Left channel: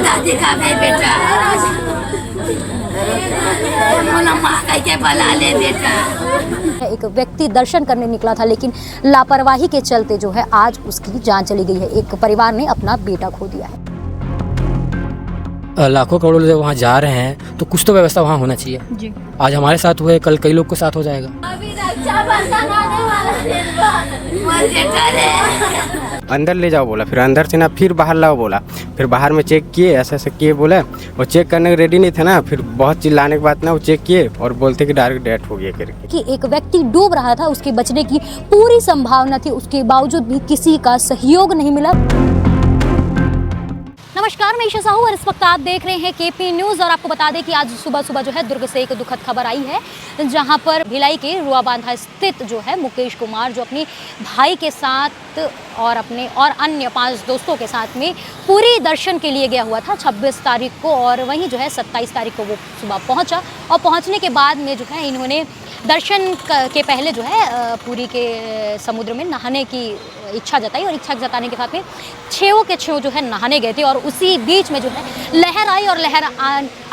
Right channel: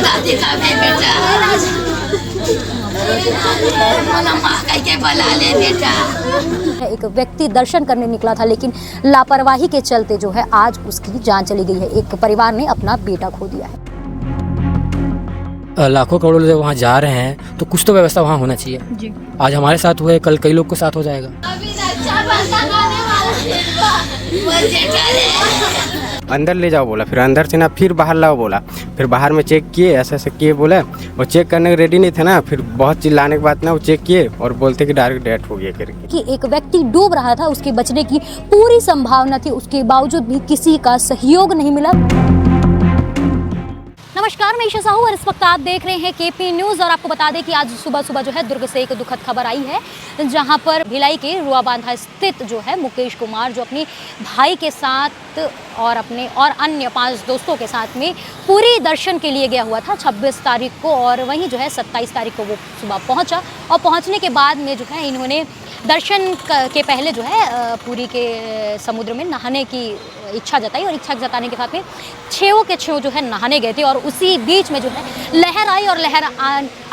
दादी का भी बेटा के बला ले बेटा। एक व्यक्ति दर्शन करने निकला था, लेकिन लापरवाही के चलते जो है आज उसकी जान चली गई है। एक परिवार ने अपना बेटा खो दिया है। लाखों करोड़ों लोग वहाँ जा रहे हैं तो कुछ तो व्यवस्था वहाँ होना चाहिए जी। आज हमारे साथ हुए, कल कई लोग के साथ हो जाएगा। अंदर ले जाओ बोला, फिर अंदर से ना फिर बाहर लाओ बोला, फिर बाहर में चेक किए, ऐसे ऐसे किए बोले, और चेक करने के रेडी नहीं थे ना, फिर बहुत चिल्लाने के बाद ना वो चेक किए और बोलते कि डायरेक्ट डेथ हो गया करके। कि एक व्यक्ति डूब रहा था, उसके बचने की पूरी संभावना थी, उसके बावजूद भी किसी का सहयोग नहीं मिला। नमस्कार, मैं ईशा साहू और इस वक्त आप देख रहे हैं केपी न्यूज़। और आपको बता दें कि आज सुबह जो है दुर्ग से एक दुखद खबर आई है, जहां पर भिलाई के रुआबांधा स्थित जो है मुकेश कुमार, जो अपनी भाई के साथ और अपने और अन्य 5 दोस्तों के साथ में पूरी दर्शन के लिए गया हुआ था 26 तारीख को, और वहीं जो है 27 तारीख को वो सुबह पहुंचा। और पहुंचने के बाद में जो है इन्होंने दर्शन के पहले जो है पूरी के समुद्र में नहाने की इच्छा जताई, और इच्छा जताने के साथ में छेव के छेव जो है नहाने गए थे। और उसी बीच में जो है लहर आई, और लहर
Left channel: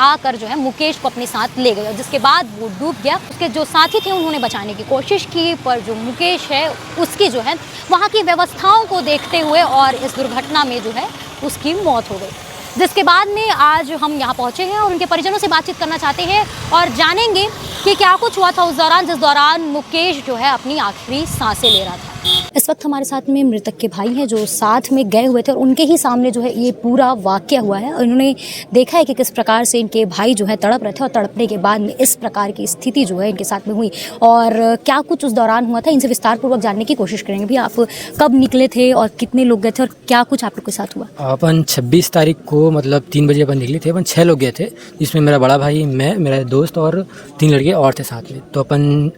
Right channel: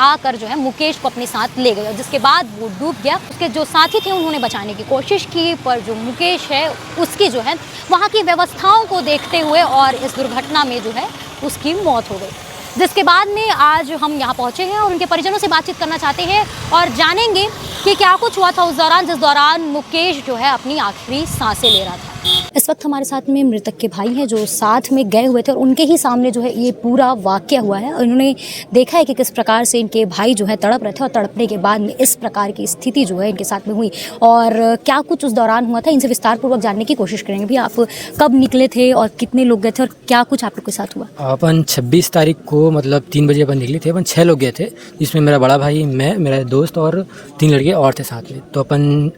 आकर जो है मुकेश को अपने साथ ले गए, जिसके बाद वो डूब गया। उसके जो साथी थे उन्होंने बचाने की कोशिश की, पर जो मुकेश है उसकी जो है वहाँ की व्यवस्थाओं को देखते हुए और इस दुर्घटना में जो है उसकी मौत हो गई। जिसके बाद में आज हम यहाँ पहुँचे हैं और उनके परिजनों से बातचीत करना चाहते हैं और जानेंगे कि क्या कुछ हुआ था उस दौरान, जिस दौरान मुकेश जो है अपनी आखिरी सांसें ले रहा था। इस वक्त हमारे साथ में मृतक के भाई हैं जो साथ में गए हुए थे, और उनके ही सामने जो है ये पूरा वाकया हुआ है। और इन्होंने देखा है कि किस प्रकार से इनके भाई जो है तड़प रहे थे, और तड़पने के बाद में इस प्रकार की स्थिति जो है इनके साथ में हुई, और क्या कुछ उस दौरान हुआ था इनसे विस्तारपूर्वक जानने की कोशिश करेंगे। भी आप कब निकले थे और कितने लोग गए थे, और क्या कुछ आप लोग के साथ हुआ? अपन 26 तारीख को मतलब 3 बजे अपन निकले थे। अपन 6 लोग गए थे, जिसमें मेरा बड़ा भाई, मैं, मेरा दोस्त और 3 लड़के और थे साथ में। तो अपन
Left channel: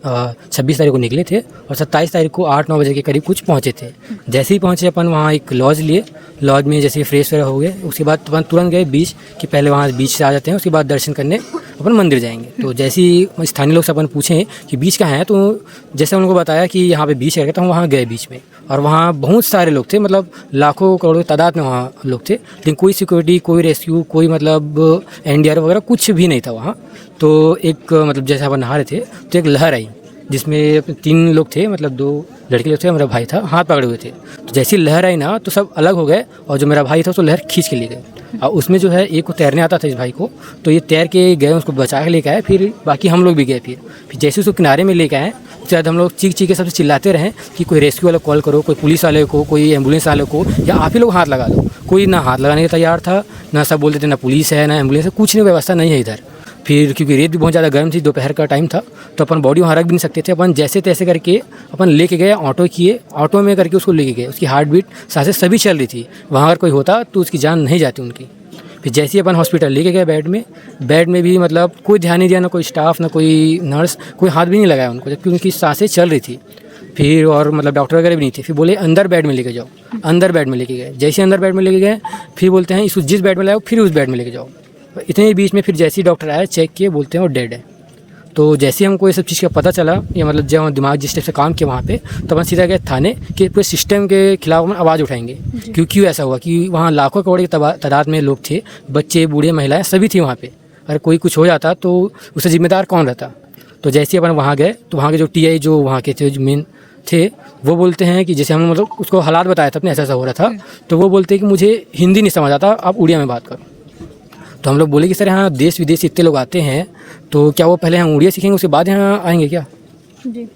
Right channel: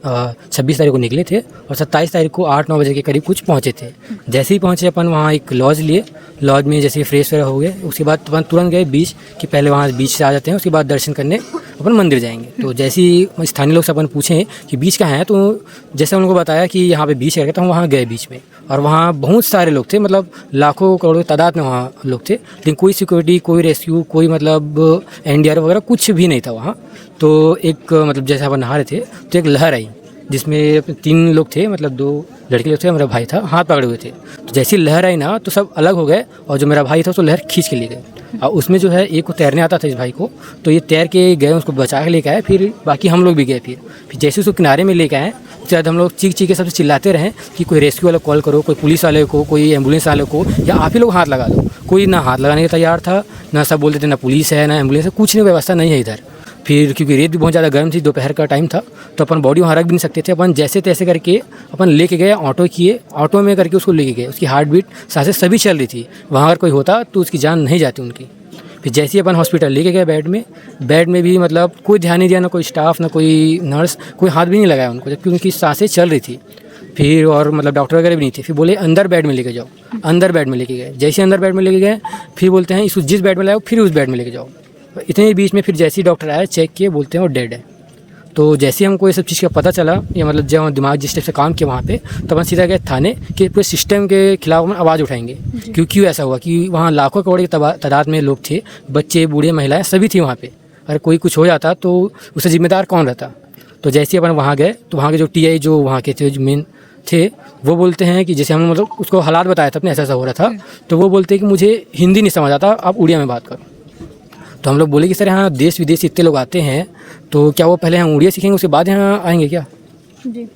26 तारीख को निकले थे और 27 तारीख को 8-9 बजे के करीब कुछ पहुँचे थे। जैसे ही पहुँचे अपन वहाँ एक लॉज लिए, लॉज में जैसे फ्रेश वगैरह हो गए, उसके बाद अपन तुरंत गए बीच, कि पहले वहाँ बीच से आ जाते हैं, उसके बाद दर्शन करने अपन मंदिर जाएंगे। तो जैसे ही स्थानीय लोग से अपन पूछें कि बीच कहाँ है, तो जैसे उनको बताया कि यहाँ पे बीच है, तो हम वहाँ गए बीच में, और वहाँ बहुत सारे लोग थे, मतलब लाखों करोड़ों की तादाद में वहाँ लोग थे, लेकिन कोई सिक्योरिटी, कोई रेस्क्यू, कोई मतलब NDR वगैरह कुछ भी नहीं था वहाँ। तो एक मतलब जैसे अपन नहा रहे थे तो एक लहर आई, जिसमें 3 लोग थे, मतलब 2 लड़के लोग थे, मेरा भाई था, हाथ पकड़े हुए थे। तो जैसी लहर आई ना तो सब अलग हो गए, और जो मेरा भाई था उसको लहर खींच के ले गए। और उसमें जो है एक को तैरने आता था इस भाई को, तो ये तैर के गए, उसको बचा के लेके आए। फिर बाकी हम लोग भी गए। फिर जैसे उसको किनारे में लेके आए, उसके बाद हम लोग चीख के सबसे चिल्लाते रहे कि कोई रेस्क्यू वाला कॉल करो, कोई पुलिस वाले को, कोई एम्बुलेंस वाले को, या आप ही लोग हाथ लगा दो। कोई ना हाथ लगाने को तैयार था, ना सब बोलते थे ना पुलिस है ना एम्बुलेंस है, कुछ नहीं, व्यवस्था नहीं है इधर। फिर क्योंकि रेत भी बहुत ज़्यादा गर्म थी, दोपहर का टाइम था, तो अपन बॉडी वहाँ रख भी नहीं सकते थे। अपन जैसे तैसे करके अपन लेके गए, ऑटो किए, ऑटो में करके उसको लेके गए। उसकी हार्ट बीट, सांसें सभी चल रही थी। वहाँ अगर कोई होता तो उसकी जान नहीं जाती उनकी। फिर जैसे ही अपन हॉस्पिटल लेके गए, बेड में भी मतलब कोई ध्यान नहीं दिया, ना कोई स्टाफ, ना कोई नर्स, कोई हाथ भी नहीं लगाया उनको, जबकि उनकी सांसें चल रही थी। फिर और मतलब डॉक्टर वगैरह भी नहीं थे। फिर बोले अंदर बेड में लेके जाओ, अंदर बेड में लेके गए। जैसे अंदर बेड में लेके गए, फिर बोलते हैं इसको जिस बेड में लाओ फिर उस बेड में लेके जाओ। इतने ही बीच में फिर जैसे ही डॉक्टर आए, चेक किए, बोलते हैं वो डेड है। तो जैसे हमको ये सब चीज़ का पता चला, ये मतलब जब दिमाग जिस टाइप से काम किया वहाँ पे, तो अपन सीधा गए थाने के पूरे सिस्टम के खिलाफ हम आवाज़ उठाएंगे। क्योंकि ऐसा हुआ कि वहाँ लाखों करोड़ की तादाद में लोग थे, बच्चे, बूढ़े, महिलाएं सभी थी वहाँ पे। अगर कोई कुछ हो जाता तो उससे जिम्मेदार कौन रहता? तो जैसे अपन वहाँ गए तो वहाँ के जो TI जो वहाँ के थे, जो मेन थे, वो बोलते हैं कि जैसे हम मतलब उसको हालात बताया था अपने, ऐसा हो रहा था, तो वो बोलते हैं कि मुझे हिंदी नहीं समझ आता, आप उड़िया में बात करो। तो हम लोग बोले कि सर यहाँ देश विदेश इतने लोग आते हैं, तो क्या वो पहले हम उड़िया सीखेंगे उसके बाद यहाँ आएंगे क्या? जी।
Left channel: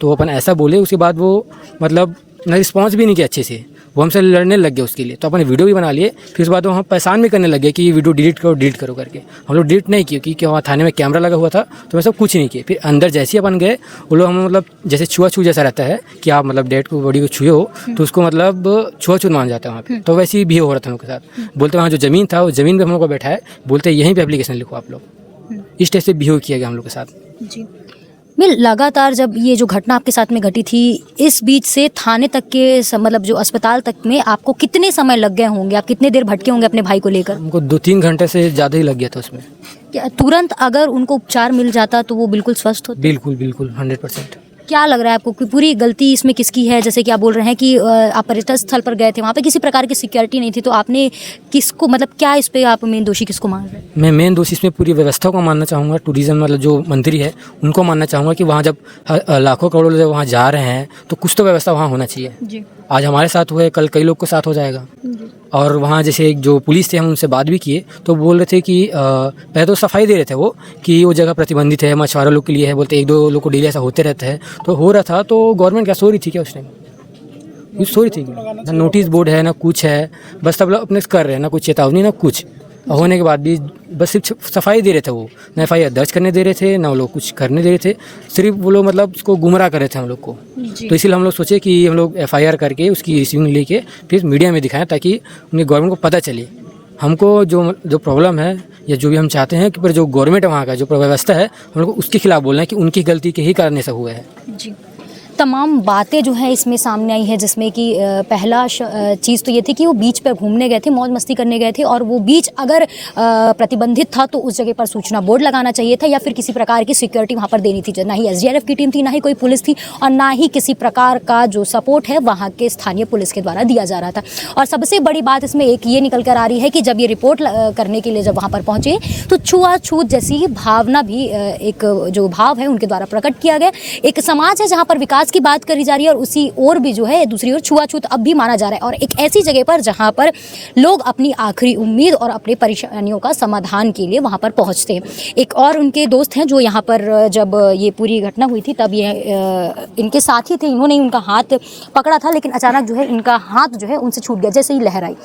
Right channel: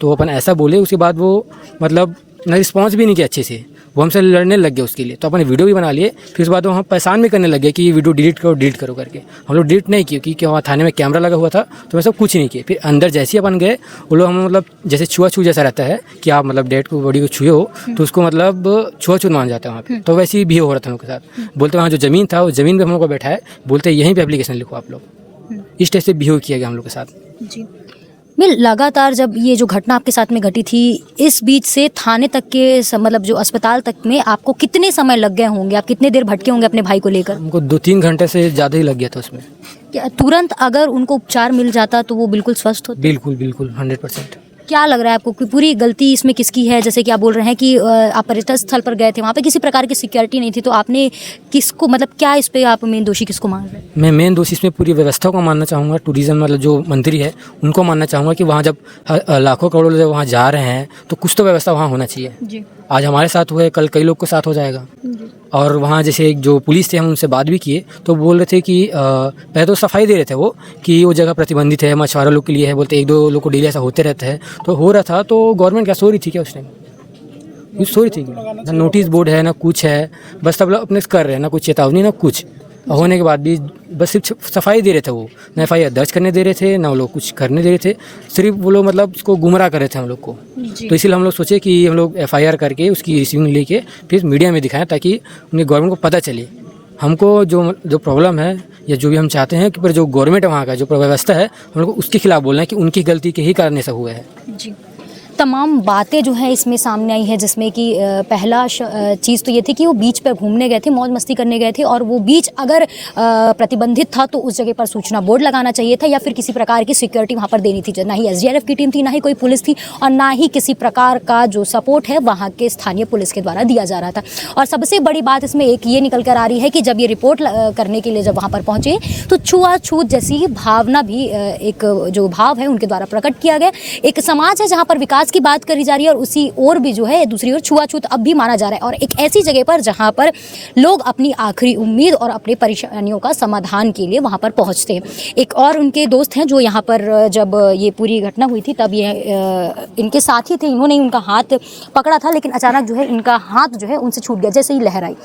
तो अपन ऐसा बोले, उसके बाद वो मतलब रिस्पॉन्स भी नहीं किया अच्छे से, वो हमसे लड़ने लग गए उसके लिए। तो अपने वीडियो भी बना लिए, कि उसके बाद वो हम परेशान भी करने लगे कि वीडियो डिलीट करो करके। हम लोग डिलीट नहीं किए, क्योंकि वहाँ थाने में कैमरा लगा हुआ था, तो वो सब कुछ नहीं किए। फिर अंदर जैसे ही अपन गए, वो लोग हम मतलब जैसे छुआ जैसा रहता है कि आप मतलब डेड को, बॉडी को छुए हो तो उसको मतलब छुआछूत मान जाता है वहाँ पे। तो वैसे ही बिहेव हो रहा था उनके साथ। बोलते वहाँ जो ज़मीन था, वो ज़मीन पर हम लोग को बैठाए, बोलते यहीं पर एप्लीकेशन लिखो आप लोग। इस टाइप से बिहेव किया गया हम लोग के साथ। जी। मैं लगातार जब ये जो घटना आपके साथ में घटी थी, इस बीच से थाने तक के मतलब जो अस्पताल तक में आपको कितने समय लग गए होंगे? आप कितने देर भटके होंगे अपने भाई को लेकर? हमको 2-3 घंटे से ज़्यादा ही लग गया था उसमें। क्या तुरंत अगर उनको उपचार मिल जाता तो वो बिल्कुल स्वस्थ होते? बिल्कुल 100%। क्या लग रहा है आपको कि पूरी गलती इसमें किसकी है? जैसे कि आप बोल रहे हैं कि आप पर्यटन स्थल पर गए थे, वहाँ पे किसी प्रकार की सिक्योरिटी नहीं थी, तो आपने किसको, मतलब क्या इस पे आप मेन दोषी किसको मान रहे हैं? मैं मेन दोषी इस पर पूरी व्यवस्था को मानना चाहूँगा। टूरिज़्म मतलब जो मंत्री है उनको मानना चाहूँगा कि वहाँ जब लाखों करोड़ों लोग वहाँ जा रहे हैं तो कुछ तो व्यवस्था वहाँ होना चाहिए। जी आज हमारे साथ हुआ है, कल कई लोग के साथ हो जाएगा। और वहाँ जैसे एक जो पुलिस थे, हम उनसे बात भी किए तो बोल रहे थे कि पहले तो सफाई दे रहे थे वो कि वो जगह प्रतिबंधित है, मछुआरा लोग के लिए है, बोलते 1-2 लोग को डेली ऐसा होते रहता है। तो हो रहा था तो गवर्नमेंट क्या सो रही थी क्या उस टाइम? कुछ सो रही थी क्या? ना नोटिस बोर्ड है ना कुछ है, बस सब लोग अपने से कर रहे हैं, ना कुछ चेतावनी ना कुछ। होने के बाद भी बस सिर्फ सफाई दे रहे थे, वो ना FIR दर्ज करने दे रहे थे, ना वो लोग कुछ करने दे रहे थे, सिर्फ वो लोग मतलब उसको गुमराह कर रहे थे हम लोग को। तो इसलिए हम लोग सोचे कि हम लोग FIR करके उसकी रिसीविंग लेके फिर मीडिया में दिखाएं ताकि उन्हें गवर्नमेंट को पता चले हमको जो प्रॉब्लम है या जो भी हम चाहते हैं कि पर जो गवर्नमेंट है वहाँ का जो व्यवस्था है हम लोग को उसके खिलाफ बोलना है कि उनकी गलती के ही कारण ऐसा हुआ है। तमाम बातें जो है इसमें सामने आई है, जिसमें कि पहला चीज़ तो ये थी कि वो बीच पर घूमने गए थे, मौज मस्ती करने गए थे, और वो बीच अगर प्रतिबंधित था तो उस जगह पर सूचना बोर्ड लगाना चाहिए था या फिर किसी प्रकार की सिक्योरिटी वहाँ पर देनी थी। ना ही SDRF की टीम थी, ना ही कोई पुलिस थी, और ना ही किसी प्रकार का जो सपोर्ट है वहाँ के स्थानीय पुलिस के द्वारा दिया जा रहा था। और सबसे बड़ी बात इसमें एक ये निकल कर आ रही है कि जब ये रिपोर्ट करने के लिए जब वहाँ पर पहुँचे तो छुआछूत जैसी भावना भी एक जो भाव है उनके द्वारा प्रकट किया गया। एक समाज है जहाँ पर विकास की बात करी जा रही है और उसी ओर भी जो है दूसरी ओर छुआछूत अब भी माना जा रहा है, और एक ऐसी जगह पर जहां पर लोग अपनी आखिरी उम्मीद और अपनी परेशानियों का समाधान के लिए वहां पर पहुंचते हैं। एक और उनके दोस्त हैं जो यहाँ पर जब ये पूरी घटना हुई थी तब ये इनके साथी थे, इन्होंने उनका हाथ पकड़ा था, लेकिन अचानक जो है इनका हाथ जो है उनसे छूट गया जैसे ही लहर आई।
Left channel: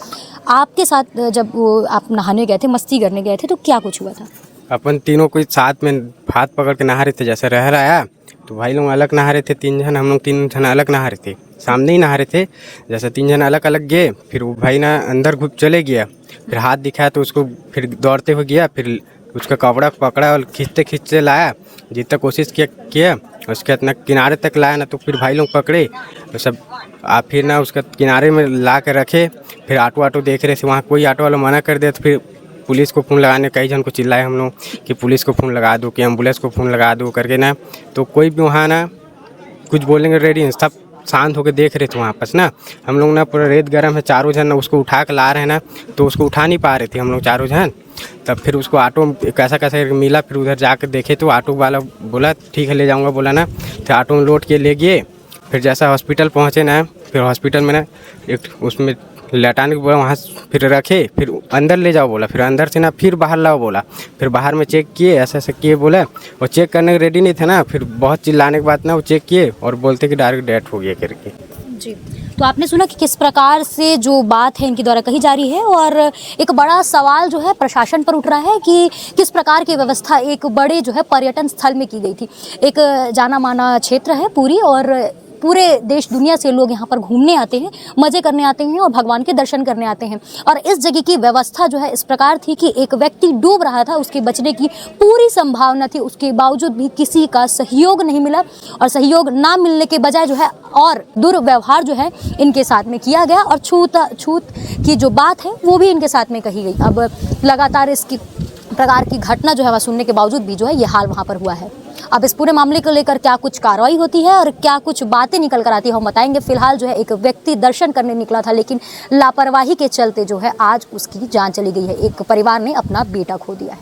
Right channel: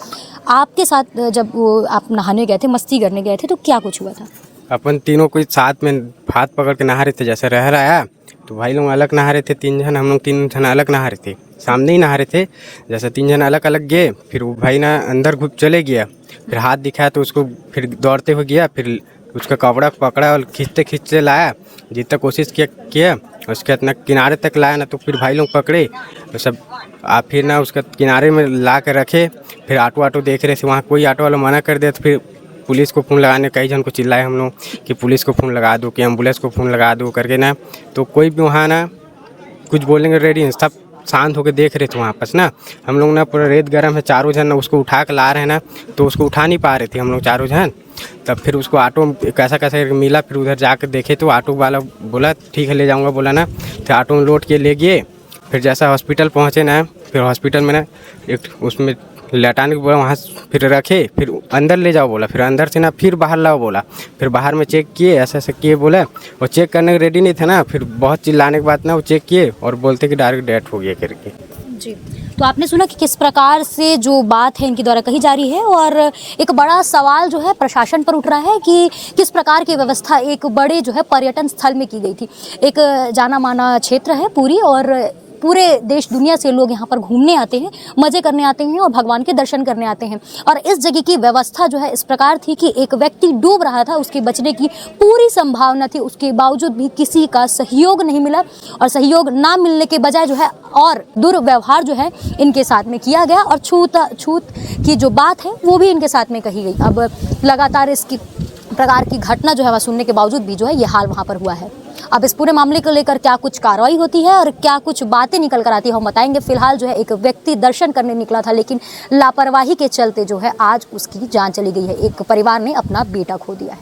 आपके साथ जब आप नहाने गए थे, मस्ती करने गए थे, तो क्या कुछ हुआ था? अपन तीनों कोई साथ में हाथ पकड़ के नहा रहे थे, जैसे लहर आया तो भाई लोग अलग नहा रहे थे, 3 जन, हम लोग 3 जन अलग नहा रहे थे, सामने ही नहा रहे थे। जैसे 3 जन अलग अलग गए, फिर वो भाई ना अंदर घुस चले गया, फिर हाथ दिखाया तो उसको फिर दौड़ते हुए गया, फिर उसका कपड़ा पकड़ा और खींचते खींचते लाया, जितना कोशिश किया उसके इतना किनारे तक लाया ना, तो फिर भाई लोग पकड़े तो सब फिर ना उसका किनारे में ला के रखे। फिर ऑटो देख रहे थे, वहाँ कोई ऑटो वाला मना कर दिया, तो फिर पुलिस को फ़ोन लगाने, कई जन को चिल्लाए हम लोग कि पुलिस को फ़ोन लगा दो, कि एम्बुलेंस को फ़ोन लगा दो करके ना, तो कोई भी वहाँ ना कुछ बोलेंगे रेडी, सब शांत होकर देख रहे थे वहाँ पर ना। हम लोग ना पूरा रेत गर्म है, चारों जन ना उसको उठा के ला रहे हैं ना, तो उसको उठा नहीं पा रहे थे हम लोग चारों जन। तब फिर उसको ऑटो कैसा करके मिला, फिर उधर जाकर देखे तो ऑटो वाला बोला ठीक है ले जाऊँगा, बोला ना, तो ऑटो में लोड के ले गए। फिर जैसा हॉस्पिटल पहुँचे ना, फिर हॉस्पिटल में ना एक उसमें लेटाने को बोला, वहाँ फिर रखे, फिर अंदर ले जाओ बोला, फिर अंदर से ना फिर बाहर लाओ बोला, फिर बाहर में चेक किए, ऐसे किए बोला, और चेक करने के रेडी नहीं था ना, फिर बहुत चिल्लाने के बाद ना वो चेक किए और बोलते कि डायरेक्ट डेथ हो गया करके। जी, तो आपने सुना कि किस प्रकार से जो बात है इनके द्वारा कही जा रही है, और एक बड़ा सवाल जो है प्रशासन पर उठ रहा है कि किस प्रकार की व्यवस्था एक बड़े जो है पर्यटन स्थल में की गई थी। एक जाना माना क्षेत्र है पूरी, और पूरे देश दुनिया से लोग यहाँ पर घूमने आते हैं, मज़े करने आते हैं और भगवान के दर्शन करने आते हैं। और इस जगह की व्यवस्था जो है इस प्रकार थी कि एक व्यक्ति डूब रहा था, उसके बचने की पूरी संभावना थी, उसके बावजूद भी किसी का सहयोग नहीं मिला, और सहयोग ना मिलने के बजाय जो है और दुर्व्यवहार जो है इनके साथ में किया गया, और छूत की जो बात है वो भी इनके साथ में कही गई। अब लगातार इसकी प्रकार की घटना जो है वह सुनने के बावजूद भी जो है ये हाल वहाँ पर हुआ है। अब इस पूरे मामले को लेकर क्या कुछ कार्रवाई होती है और क्या कुछ बातें निकल कर आती है हम बताएंगे। फिलहाल जो है एक व्यक्ति दर्शन करने निकला था, लेकिन लापरवाही के चलते जो है आज उसकी जान चली गई है। एक परिवार ने अपना बेटा खो दिया है।